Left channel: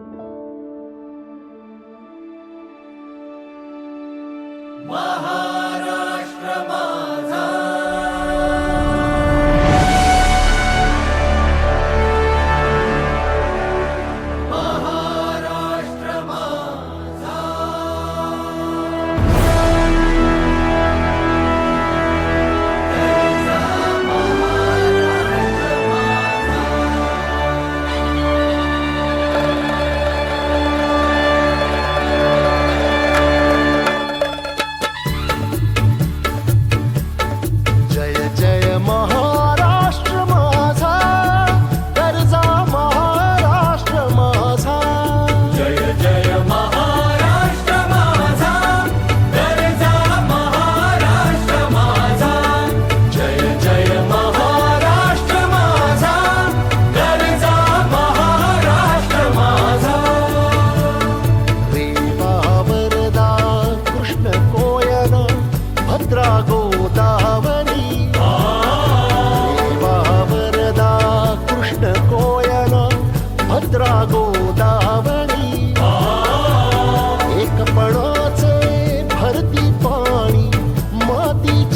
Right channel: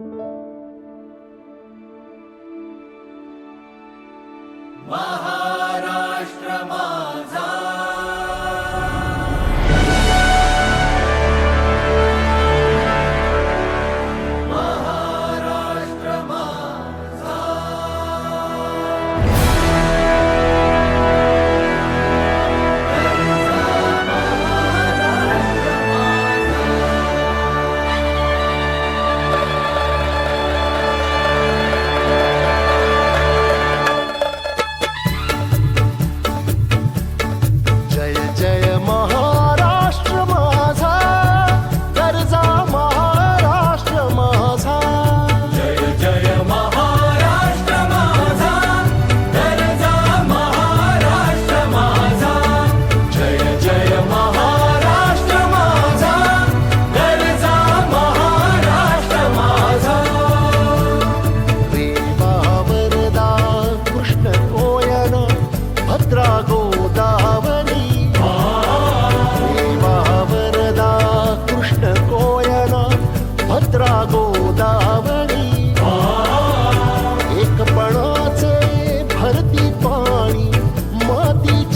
Wow.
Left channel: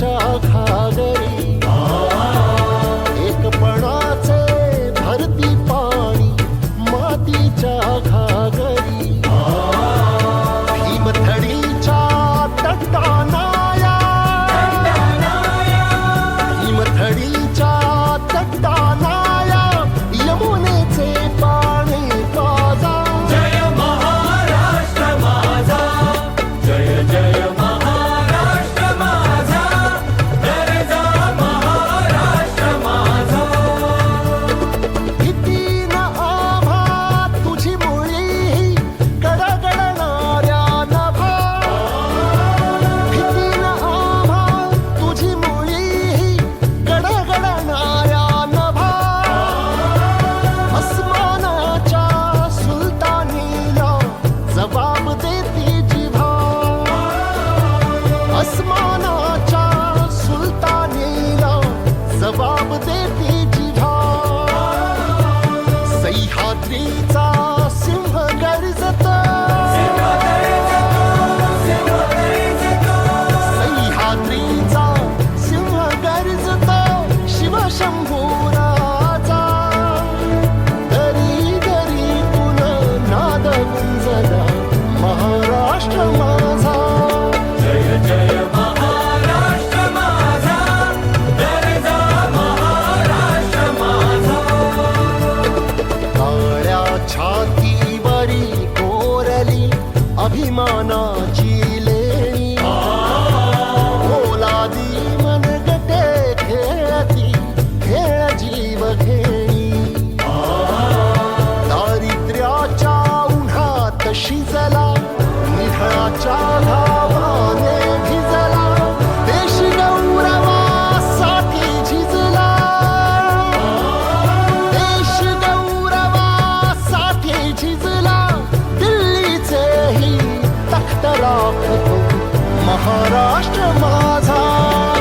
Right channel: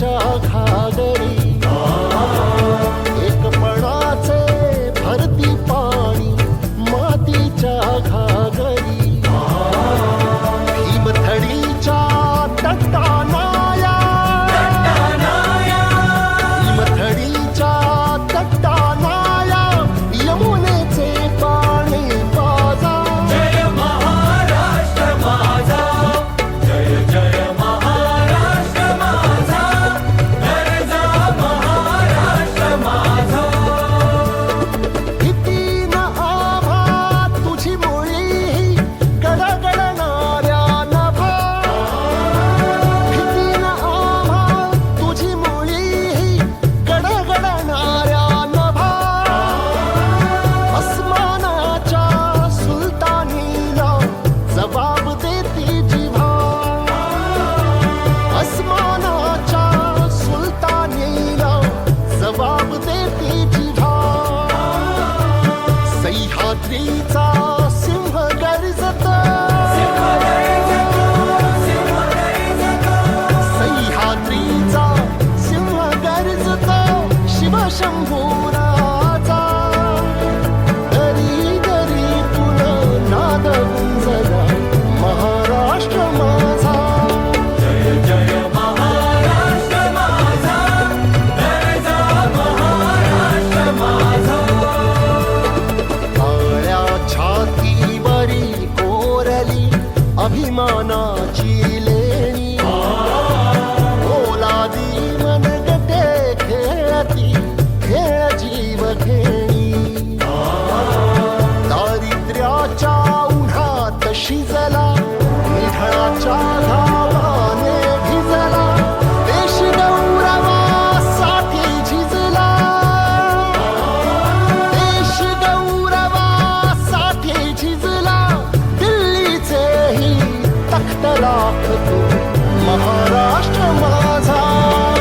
तुझ्या घागरी एकपणाचे भरती पाणी मातीच्या घागरी भीमथडीच्या तट्टानाया भीमथडीच्या सह्याद्रीचा सिंह गर्जत. सह्याद्रीचा सिंह गर्जत. शिवशंभूरा बरी कोरली अभिमानाची लेणी. ओलादी मनगटे खेळती खेळ जीव खेणी दारिद्र्याच्या उन्हात शिजला निधळाच्या राखतो महाराष्ट्र माझा।